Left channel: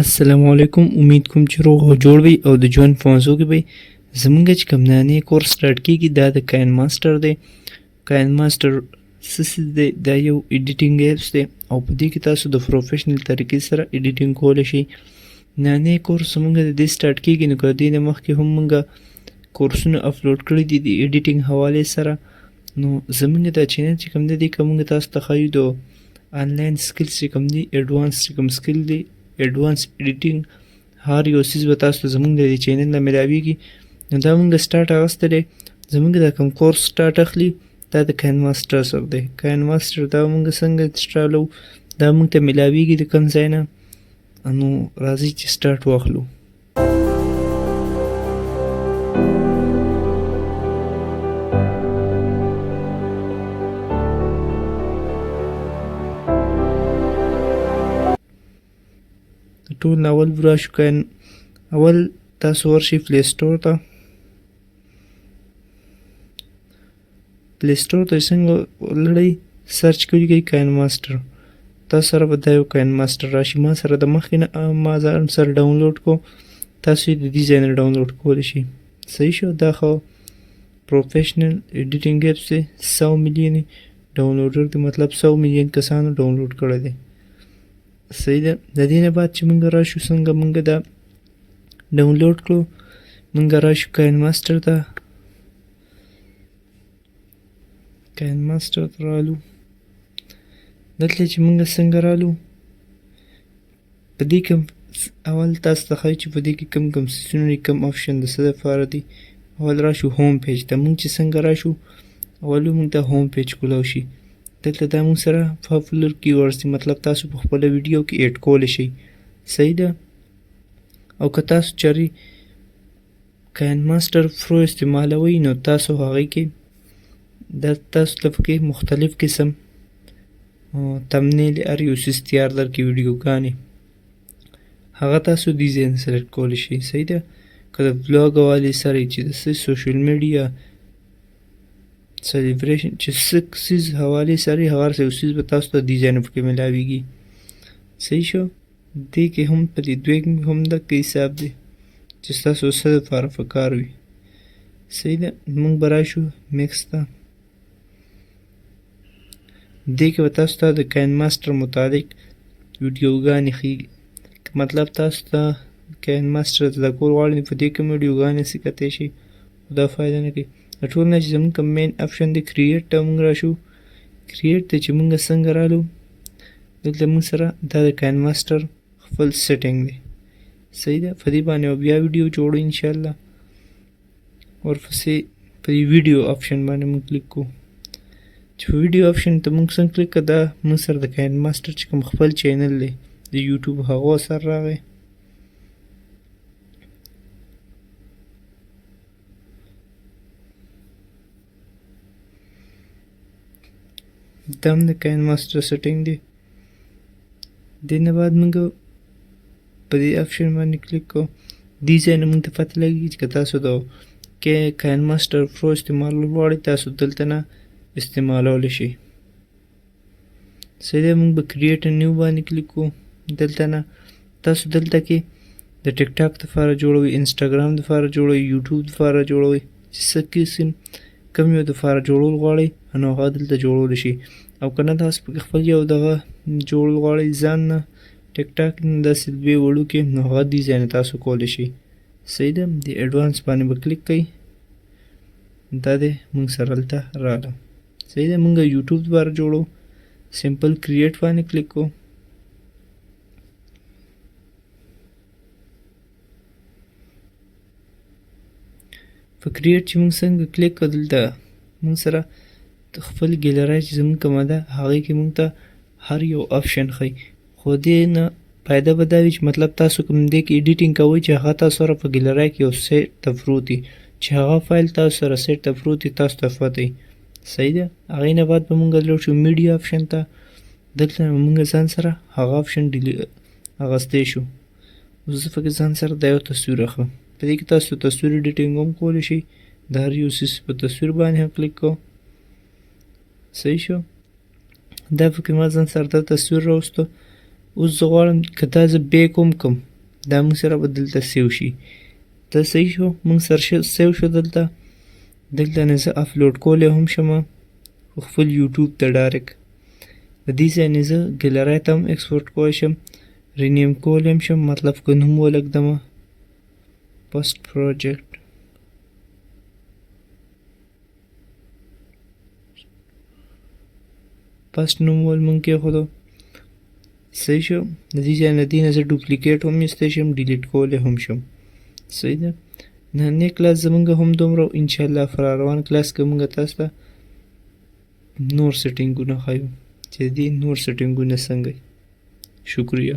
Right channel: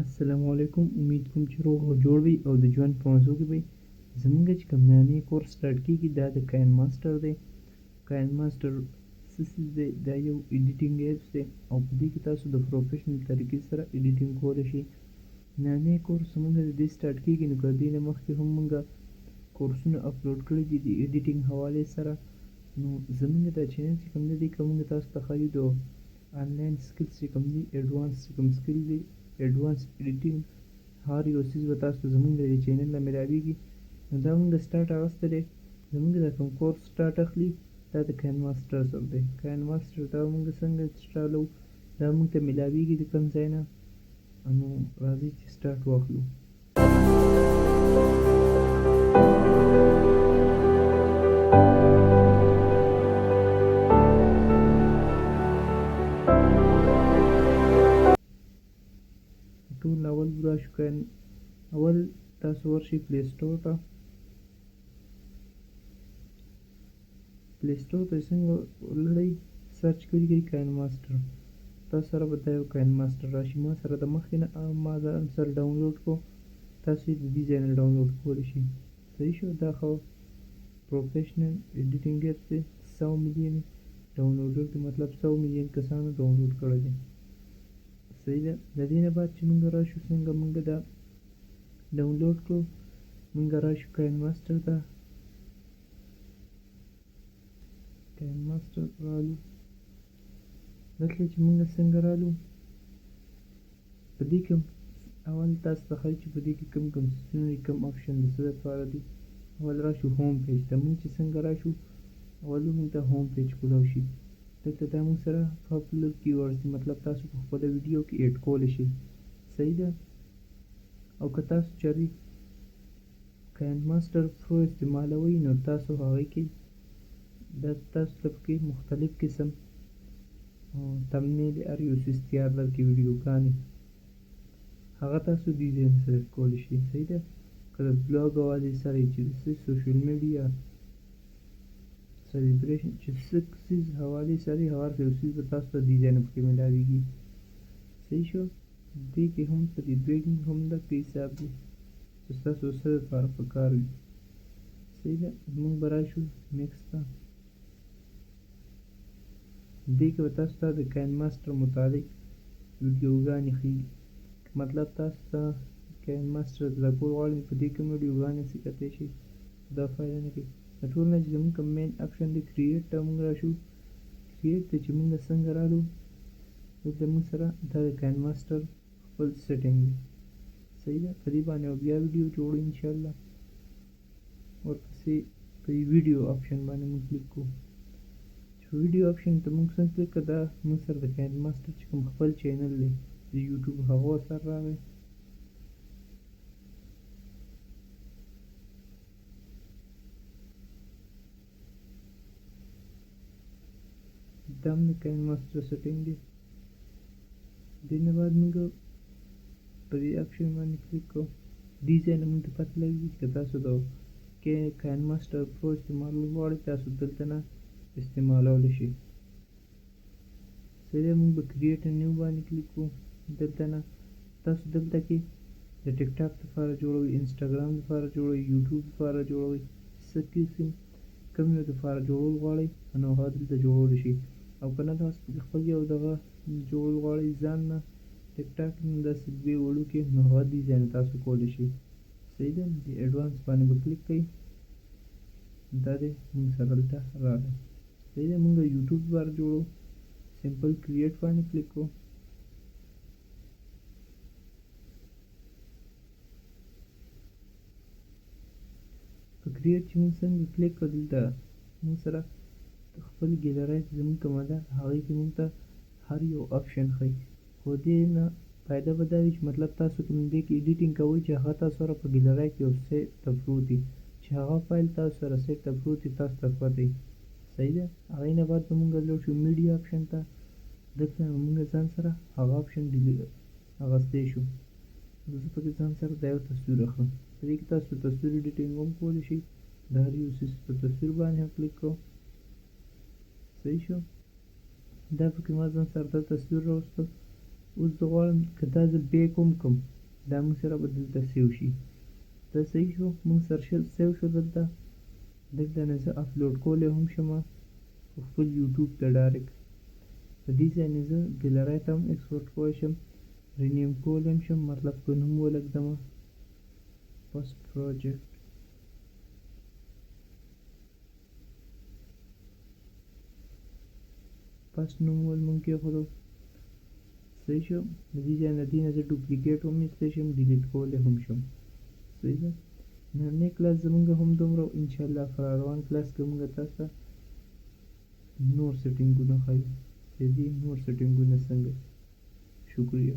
السلام علیکم. امید کوم چې روغ او جوړ وي او د ژوند په موضوع کې به زمونږ چې کوم نانی کورس سټارټ کیږي دا د کاین ماسټر دی. کاین ماسټر څه څیز دی؟ دا یو ایډیټینګ ایپس دی او په دې کې تاسو د پروفیشنل طریقې سره ایډیټینګ کولی شئ. نانی کورس زمونږ د دې سټارټ کیږي نو که د دې نه مخکې هم مونږ کورسونه اپلوډ کړي دي د ایډیټینګ حوالې سره. نو زمونږ دا چینل چې کوم دی که مونږ تاسو ته ښایو د آنلاین سکلز چې کوم دي ایډوانس چې کوم سکل دی ایډوانس ایډیټینګ هر یو څیز به تاسو ته زمونږ د دې چینل نه میلاویږي. نو دا مونږ سټارټ اخیستی دی، زمونږ دا کوم کورس سټارټ اخلي دا د کاین ماسټر سره دی. کاین ماسټر دا مونږ څنګه انسټالو دا مونږ ته میلاویږي د کوم ځای نه. نو راځئ چې سټارټ واخلو. ټول اول راشو کاین اول تاسو ورشئ پلی سټور ته. پلی سټور ته څنګه ولړئ سرچ کوئ کاین ماسټر، تاسو سره به دا یو کاین ماسټر راشي. ما سره د مخکې نه ما ځان سره ډاونلوډ کو، تاسو یې د دې ځای نه ډاونلوډ کولی شئ. صحیح شو؟ دا خو پروفیشنل ایډیټینګ ایپس دی، 100 میلیون ډاونلوډر دی، مطلب 100 میلیون کسانو ډاونلوډ کړی دی. صحیح ده. د دې نه بعد چې مونږ راشو څنګه مونږ دا ډاونلوډ کړو، مونږ راشو کاین ماسټر ته. کاین ماسټر ته رالو، دلته چې مونږ څنګه رالو په دې کې اول تاسو ته ښایي چې په دې کې کم کم سیسونه دي، کم آپشن د څه دپاره دي. اول راشو هوم پیج ته. مونږ چې څنګه راشو اول مونږ ته هوم پیج کولاو شي. دلته دا مونږ سره پاپولر کیورډز دي، مطلب تاسو په خپله ویډیو کې ایډ کولی شئ. صحیح ده. او که تاسو چارې کاین ماسټر پرو استعمالوئ نو تاسو هغې کې دا تاسو ته پکې مختلف قسم تمنیل هر یو څیز تیار درکړي ویډیوګانې، هغه تاسو دې ځای نه سلیکټ کولی شئ. صحیح ده. که د بلاګ حوالې سره چې د څه سوشل میډیا سلیبریشن چې څه څیز حوالې سره هغه هر یو څیز به تاسو ته دې ځای نه پکې میلاویږي. صحیح شو؟ دې کې هم په دې دوی کې هم دقه حساب دی چې ستاسو څه دپاره په کار وي. صحیح ده. مونږ به راشو میکس ته. دې کې به تاسو ته د کاین ماسټر متعلق ویډیوګانې ښیي. مطلب تاسو ته کاین ماسټر زده کول غواړئ په دې کې ویډیوګانې هسې کتی شي، دا فایده نه کوي. د ټول نه چې زمونږ کوم مین آپشن دی کریټ ته مونږ راشو. کریټ ته چې مونږ څنګه رالو دلته مونږ سره دا د کاین ماسټر خپل سیټینګ دی. صحیح ده. په دې باندې بیا ویډیو جوړو انشاءالله. ورپسې په دې ویډیو آپشن باندې مونږ کلیک کوو. چې په ویډیو آپشن ته مونږ څنګه کلیک کړه دا مونږ سره د کاین ماسټر چې کوم خپل چینل دی د یوټیوب هغه سره راغی. دا هم د کاین ماسټر سیټینګ دی. دې نه بعد مونږ په دې آپشن باندې کلیک کوو. دې ځای نه مونږ ته پته لګېږي چې که تاسو د کاین ماسټر پرو استعمالول غواړئ تاسو دلته نه استعمالولی شئ. صحیح ده. مونږ به کریټ نیو باندې کلیک کوو. دلته نه تاسو دلته کې د ټیک ټاک دپاره جوړوئ، انسټاګرام دپاره جوړوئ، یوټیوب دپاره جوړوئ، چې څه قسم کوم یو دپاره جوړول غواړئ نو هغه دلته جوړولی شئ. او که نه تاسو پکې خپل یو دغه جوړول غواړئ ځان نه ټیک ټاک نه داسې دوې وړوکې نو هغه دې ځای نه تاسو کولی شئ. صحیح ده. د ایډوانس باندې به کلیک کوئ. دا دی مونږ سره هلته راغله. صحیح ده. مونږ یوټیوب دپاره جوړو، سمپل کریټ باندې کلیک کوو. په کریټ چې مونږ څنګه کلیک کړو دلته مونږ سره خپل ګیلرۍ چې زمونږ کومه ده هغې کې مونږ ته هر یو آپشن ښیي. خو دې نه فایده به دا وي چې مطلب تاسو کوم دې کې ایډیټینګ کوئ چې هغه تاسو سره په ګیلرۍ کې یو سیټ ته پروت وي، چې هغه فایل تاسو سره سیټ ته پروت وي تاسو ته پته وي. صحیح ده. هغې نه بعد به مونږ لاړ شو میډیا آپشن ته. دلته نه مونږ ځان سره هغه آپشن اخیستی شو. اوس زه پکې ځان سره دا یو تصویر اخلم. په دې کې تاسو تصویر ایډیټینګ هم کولی شئ. د هر یو څیز په تصویر باندې هم کلیک کوو. صحیح شو. دا پکې ما ځان سره دا تصویر راوستو. اوس زه غواړم که دا زه بیک هم کړم دا موږ سره به دلته سیو شي. دا صحیح شو، موږ سره سیو شو دلته نه زه اپلوډ کولی هم شم خپل یوټیوب ته ډایرکټ. د دې ځای نه زه ګیلرۍ ته هم ایکسپورټ کولی شم، رینیم کولی هم شم، مطلب که نوم ولږدمه پست پروجیکټ پست نوم ول مونږ کېښودو. صحیح شو. د دې ځای نه دې نه زه ډوپلیکیټ هم ایستی شم، ډیلیټ کولی هم شم. صحیح ده. نننی کلاس زمونږ هم دومره و. انشاءالله په راروان کلاس کې مونږ تاسو ته نور سیټینګونه ښیو چې دې نور سیټینګونه څنګه وي. شکریه.